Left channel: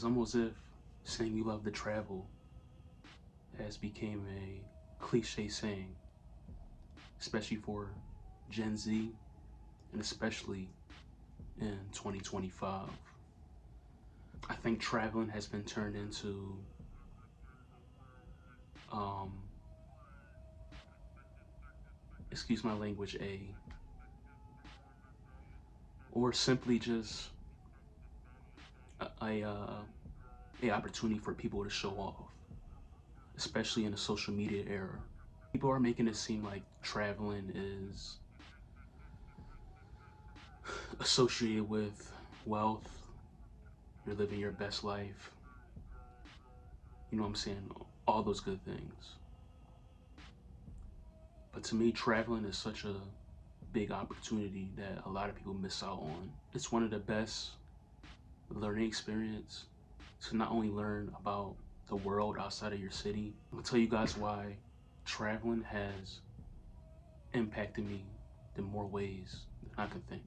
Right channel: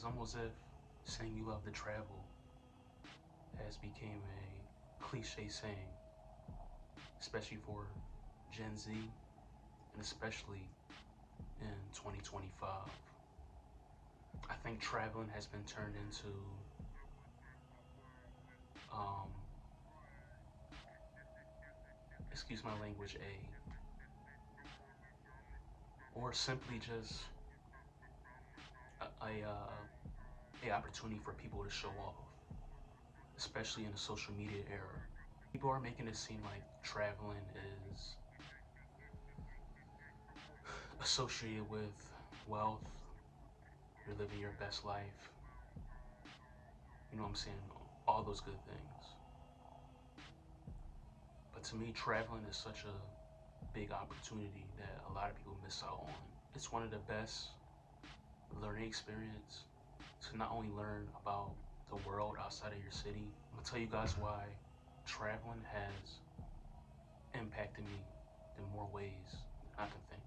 It's almost as if saying you love to travel has become a cliche saying, especially for Gen Z and especially in 2025. I think traveling has been turned into, um, excuse my language, or simply just a opportunity for people to show off, especially in the social media era. People are making it seem like traveling is associated with wealth, you're living your best life, you know what I'm saying? All those good things. But to me, traveling is such a big opportunity that a lot of people miss out on. It's one of the best learning experience to not only learn about the world outside of your city. I'm gonna tell you guys why traveling has impacted me in more ways than I can think.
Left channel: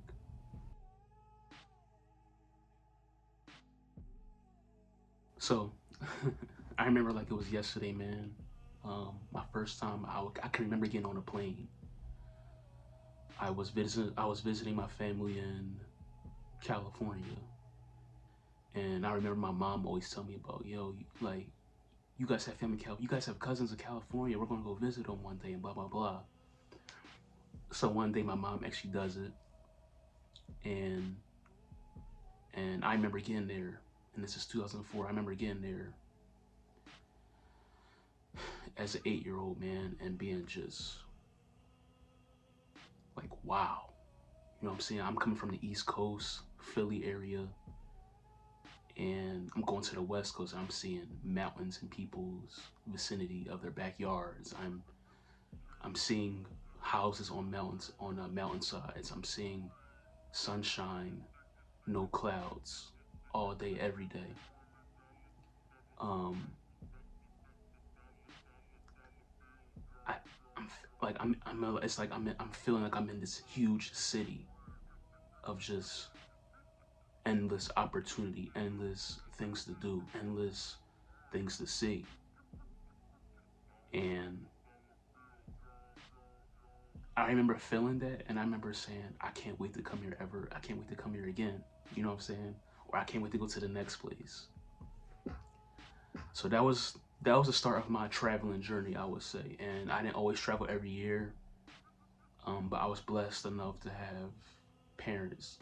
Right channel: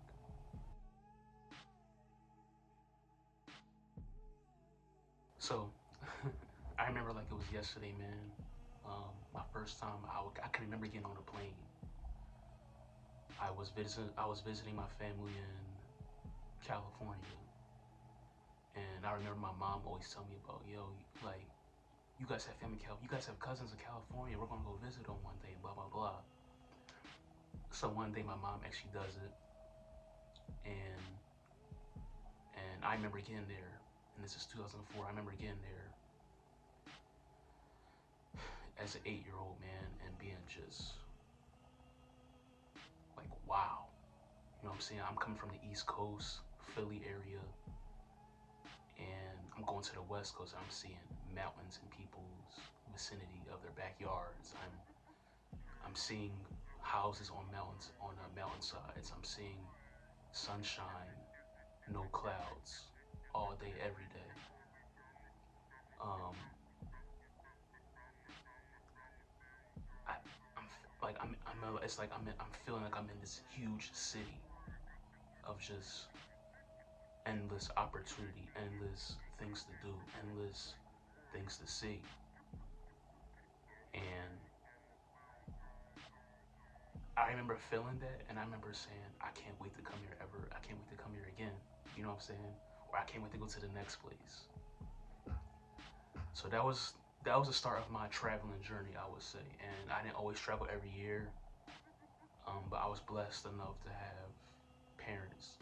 So, I remember like it was yesterday, man. My first time, I can remember getting on a plane. I was visiting my family in California, and I remember my mom always telling me about, yo, like, you guys have family, you guys have cousins in California. We're gonna go visit them one day, and blah blah blah. So one day my mom actually does it, and I remember getting there, and this is 2004. I remember getting there as an 8-year-old man and being just like, wow. You know what I'm saying? I'm coming from the East Coast, Philly area, and I'm going to the West Coast. I'm seeing mountains in people's vicinity of their backyards. I'm seeing houses on mountains, on mountainsides. I'm seeing sunshine, no clouds, all day, every day. Um, I, I'm like it's like I'm feeling like I'm in this huge city of just endless opportunity, endless things to do, endless things to see. And I remember feeling that, and I remember saying, I can't wait to come here ever. I can't wait to come here again. You know what I'm saying? Or I can't wait to go to the next place. So that was the start of my traveling journey, I would say. And I didn't always travel every year, but I was blessed enough to have parents,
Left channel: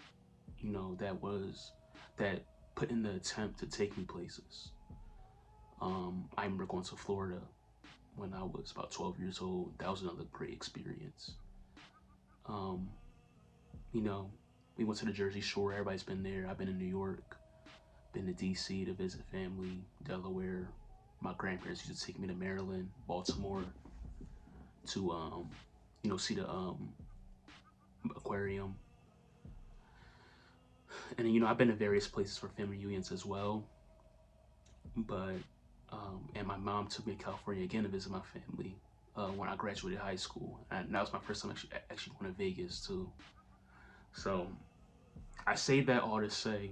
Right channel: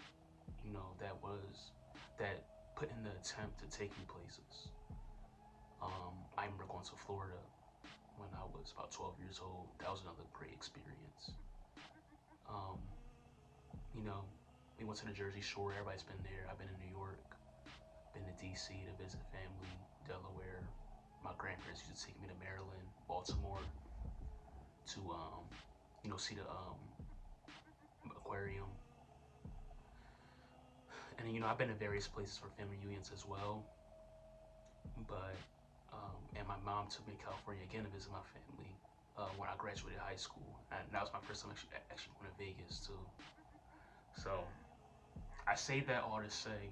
you know, that put in the attempt to take me places. I remember going to Florida when I was about 12 years old. That was another great experience. Um, you know, we went to the Jersey Shore. Everybody's been there. I've been in New York, been to DC to visit family, Delaware. My grandparents used to take me to Maryland, Baltimore to see the aquarium. And then, I've been to various places for family reunions as well. But and my mom took me to California again to visit my family when I graduated high school, and that was my first time actually going to Vegas too. So I say that all to say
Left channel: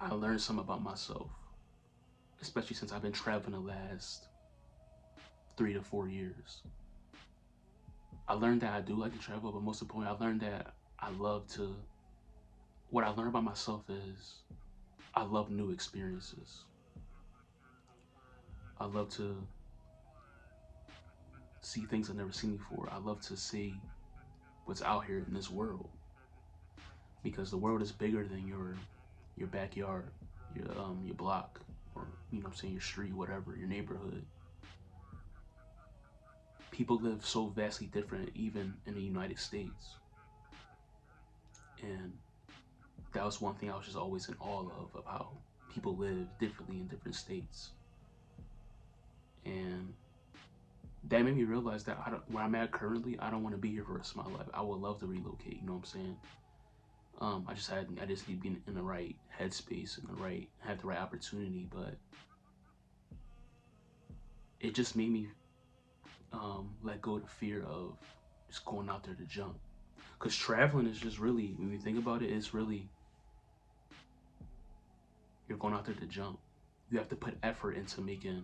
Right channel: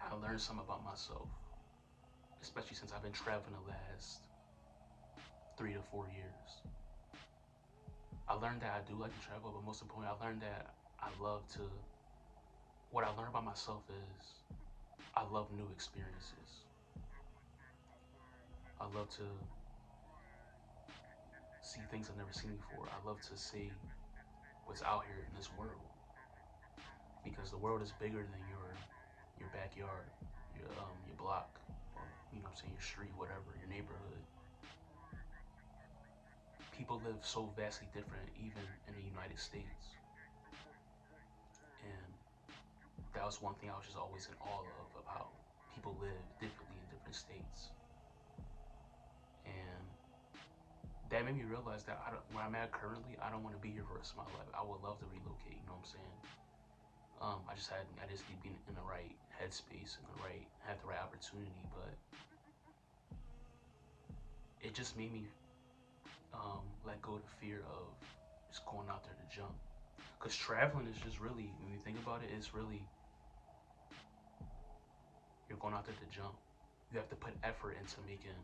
I learned something about myself, especially since I've been traveling the last 3 to 4 years. I learned that I do like to travel, but most importantly, I learned that I love to. What I learned about myself is I love new experiences. I love to see things I've never seen before. I love to see what's out here in this world because the world is bigger than your backyard, your block, or I'm saying your street, whatever, your neighborhood. People live so vastly different, even in the United States, and that was one thing I was just always in awe of how people live differently in different states, and that made me realize that where I'm at currently, I don't want to be here for the rest of my life. I would love to relocate. You know what I'm saying? I just need to be in the right headspace and have the right opportunity. But it just made me let go of the fear of just going out there to jump. Cause traveling is just really, when you think about it, it's really going out there to jump. You have to put effort into making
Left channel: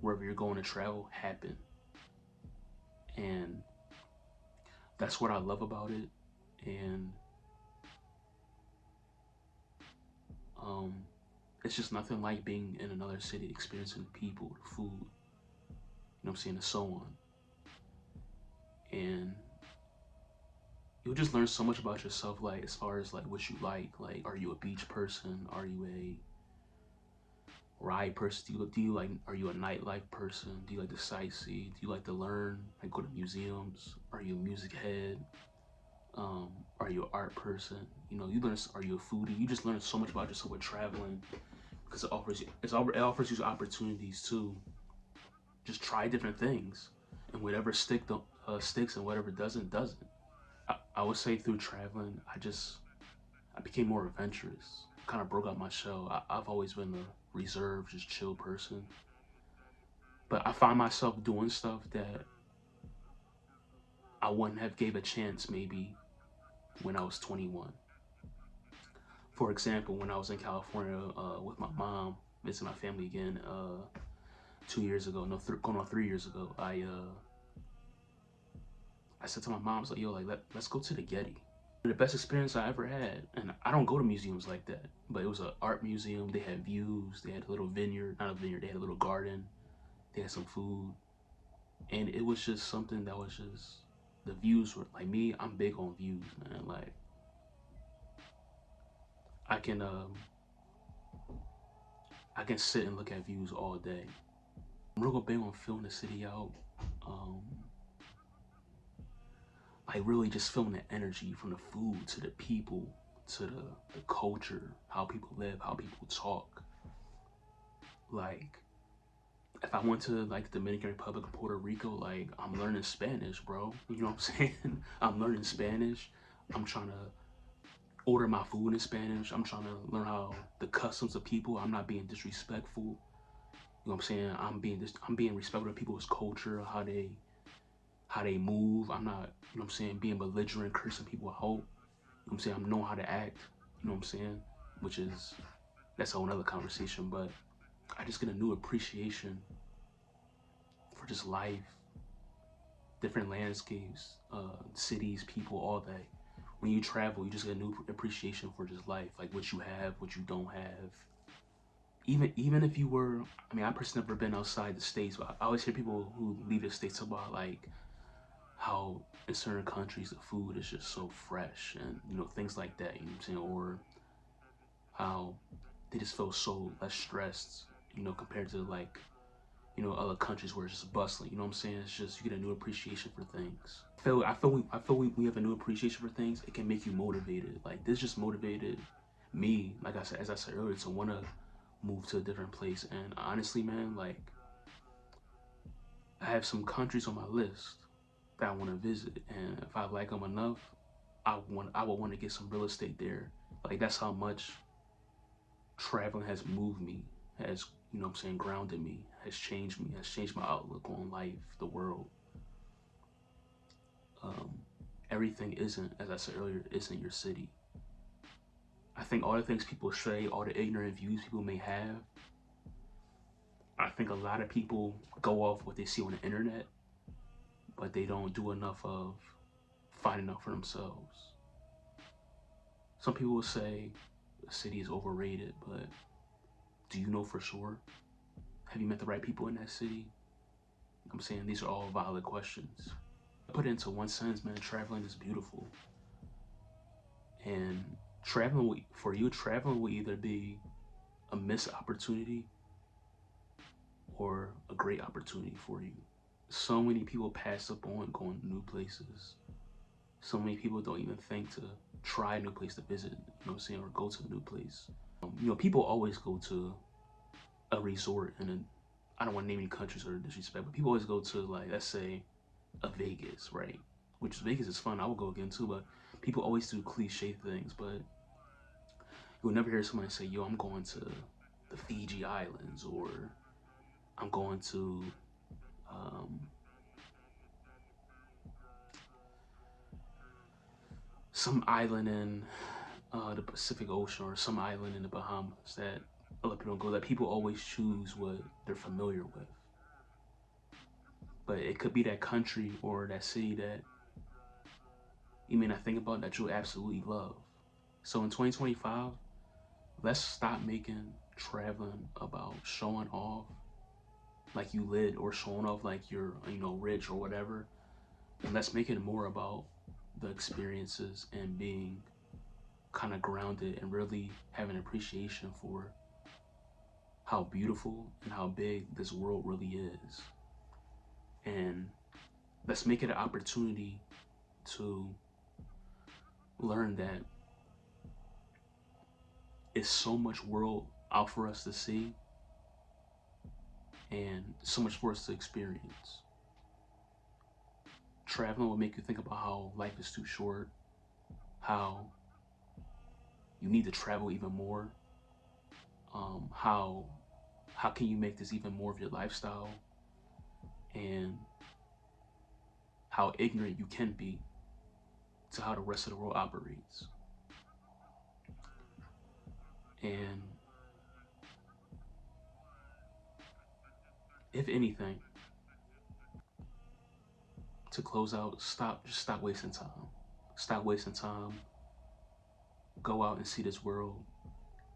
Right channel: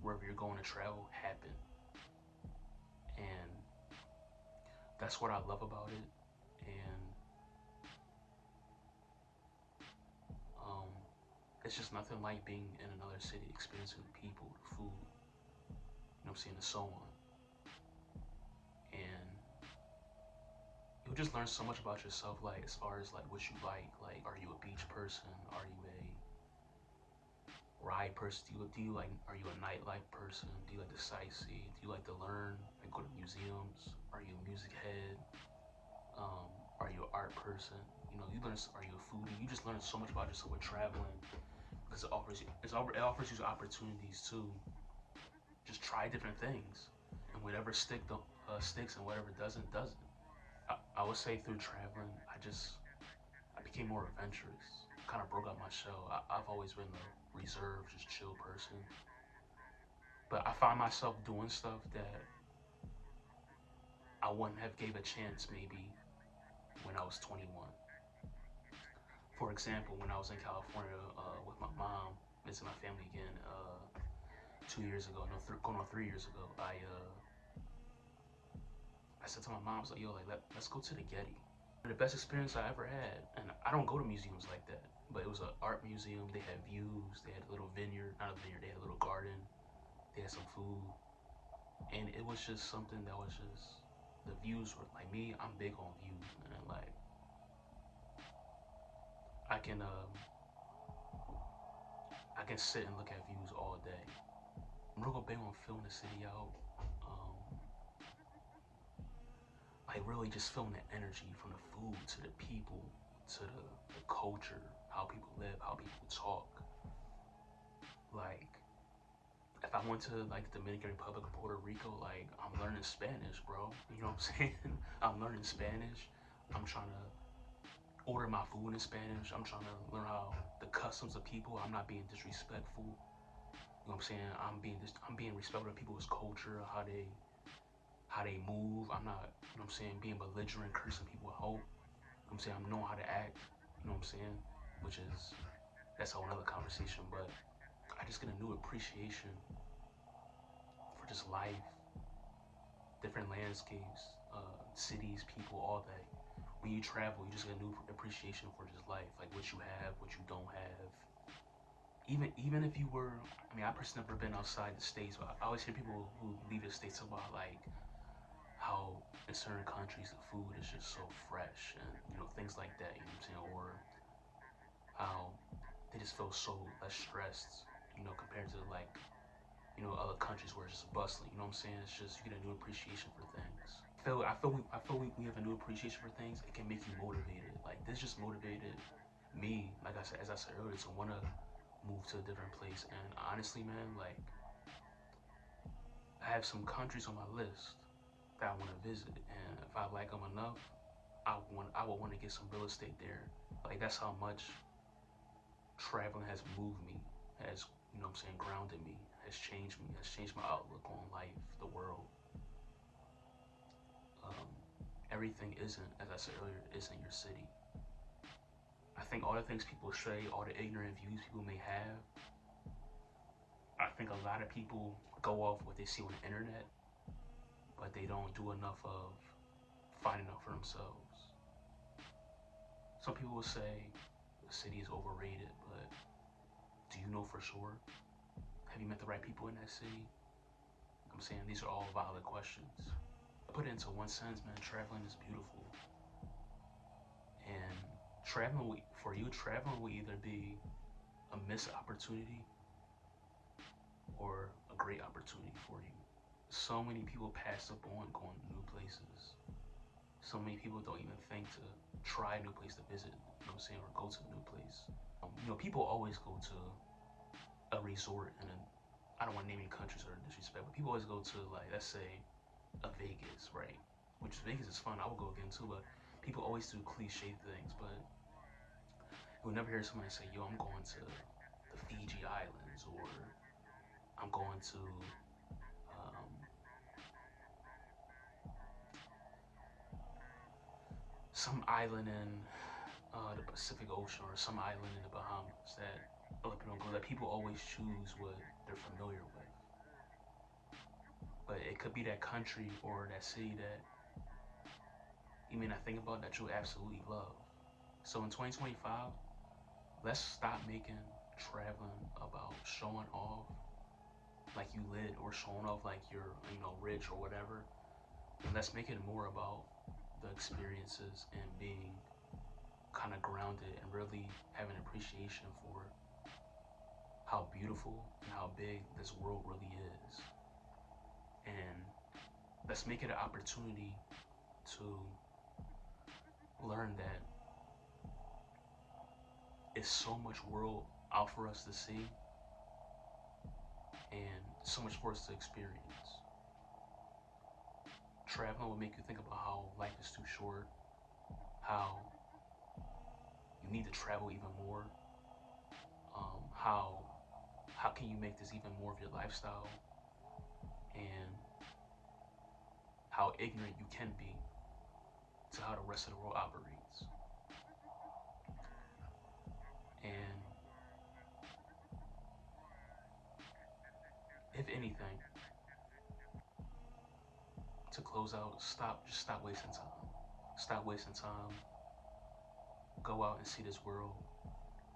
wherever you're going to travel happen. And that's what I love about it. And it's just nothing like being in another city, experiencing the people, the food, you know what I'm saying, and so on. And you'll just learn so much about yourself, like as far as like what you like are you a beach person? Are you a ride person? Do you like, are you a nightlife person? Do you like to sightsee? Do you like to learn, like go to museums? Are you a music head? Are you an art person? You know, you learn, are you a foodie? You just learn so much about yourself with traveling, because it offers you opportunities to just try different things, and whatever sticks, and whatever doesn't. I would say through traveling, I became more adventurous. Kind of broke out my shell. I've always been a reserved, just chill person, but I find myself doing stuff that I wouldn't have gave a chance maybe when I was 21. For example, when I was in California with my mom, visiting my family again 2 years ago, no, going on 3 years ago, I said to my mom, I was like, yo, like let's go to the Getty. The best experience I ever had, and I don't go to museums like that, but it was an art museum. They had views, they had a little vineyard, not a vineyard, they had a little garden, they had some food, and it was just something that was just, the views were, like me, I'm big on views, man. Like, I can sit and look at views all day. I'm real big on filling the city out. Um, like really just feeling the energy from the food to the people to the culture, how people live, how people talk. Like, if I went to like the Dominican Republic or Puerto Rico, like I'm learning Spanish, bro. You know what I'm saying? I'm learning Spanish. I'm trying to order my food in Spanish. I'm trying to learn how the customs of people. I'm not being disrespectful. You know what I'm saying? I'm being respectful of people's culture, how they move. I'm not, you know what I'm saying, being belligerent, cursing people out. You know what I'm saying? I'm knowing how to act. You know what I'm saying? Which is, that's a whole nother conversation. But I just get a new appreciation for just life, different landscapes, cities, people, all that. When you travel, you just get a new appreciation for just life, like what you have, what you don't have. Even if you were, I mean, I personally never been outside the States, but I always hear people who leave the States about like how in certain countries the food is just so fresh, and you know, things like that, you know what I'm saying? Or how they just feel so less stressed, you know, compared to like, you know, other countries where it's just bustling, you know what I'm saying? It's just, you get a new appreciation for things. I feel we have a new appreciation for things. It can make you motivated. Like, this just motivated me, like I said, as I said earlier, to want to move to a different place. And honestly, man, like, I have some countries on my list that I want to visit, and if I like them enough, I would want to get some real estate there. Like, that's how much traveling has moved me, has, you know what I'm saying, grounded me, has changed my outlook on life, the world. Um, Everything isn't, as I said earlier, isn't your city. I think all the things people say, all the ignorant views people may have, I think a lot of people go off what they see on the internet, but they don't do enough of finding out for themselves. Some people will say the city is overrated, but do you know for sure? Have you met the right people in that city? I'm saying these are all valid questions. Put it into one sentence, man, traveling is beautiful. And traveling will either be a missed opportunity or a great opportunity for you. So many people pass up on going to new places. So many people don't even think to try a new place to visit, you know what I'm saying, or go to a new place. You know, people always go to a resort, and I don't want to name any countries or disrespect, but people always go to, like, let's say, a Vegas, right? Which Vegas is fun, I would go again too, but people always do cliche things, but you'll never hear somebody say, yo, I'm going to the Fiji Islands, or I'm going to um, some island in the Pacific Ocean or some island in the Bahamas that a lot of people go, that people always choose what they're familiar with. But it could be that country or that city that you may not think about that you'll absolutely love. So in 2025, let's stop making traveling about showing off like you lit or showing off like you're, rich or whatever. And let's make it more about the experiences and being kind of grounded and really having appreciation for how beautiful and how big this world really is. And let's make it an opportunity to learn that it's so much world out for us to see and so much for us to experience. Traveling will make you think about how life is too short, how you need to travel even more, how can you make this even more of your lifestyle, and how ignorant you can be to how the rest of the world operates. And if anything, to close out, just stop wasting time. Stop wasting time. Go out and see this world.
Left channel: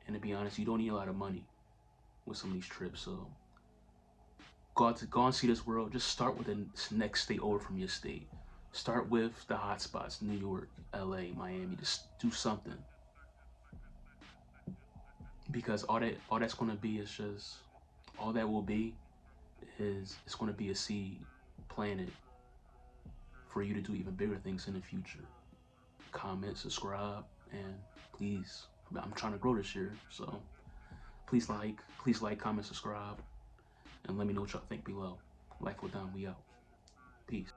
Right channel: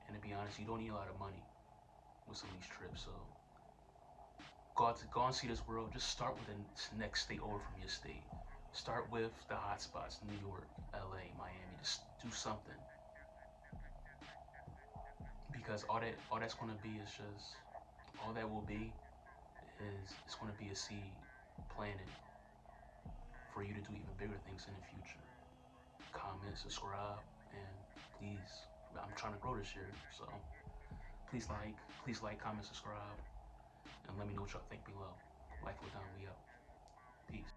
And to be honest, you don't need a lot of money with some of these trips. So go and see this world. Just start with the next state over from your state. Start with the hot spots: New York, LA, Miami. Just do something. Because all that's gonna be is just all that will be is it's gonna be a seed planted for you to do even bigger things in the future. Comment, subscribe, and please, I'm trying to grow this year, so please like, comment, subscribe, and let me know what y'all think below. Life will done, we out. Peace.